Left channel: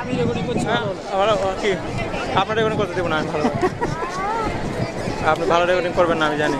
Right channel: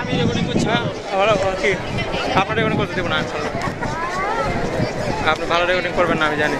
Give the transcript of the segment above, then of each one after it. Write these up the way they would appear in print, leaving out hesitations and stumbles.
আমি রেকর্ডিং করছি। কি আপনার রেকর্ডিং করতে দেবো না আমি ভালো আপনি ভালো রেকর্ডিং করবেন না আমি জানি।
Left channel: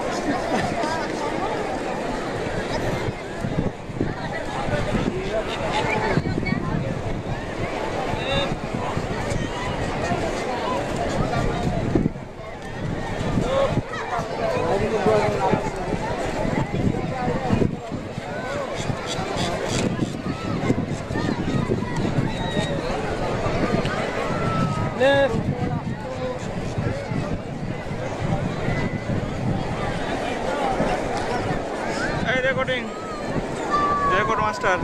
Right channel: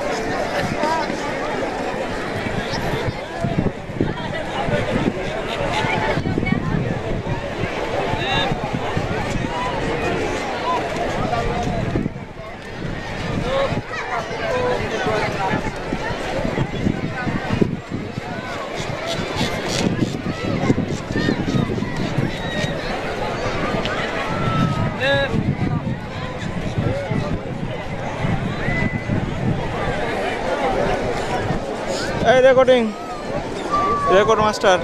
এই রেকর্ডিং রেকর্ড মাস্টার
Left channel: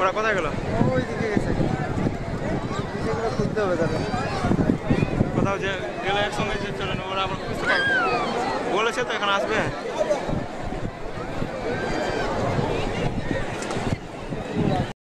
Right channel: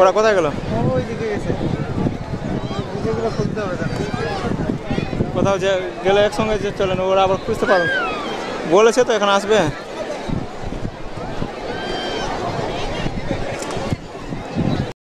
ওরা কোথায় গেল? ওই দিকে গেছে, বুকেগুলো খুলতে হবে তাহলে। কোথাও যে গেলে একসঙ্গে যে চলেন ওরা আবার খুঁজতে পারবে বলেছে তো এখন আসবে।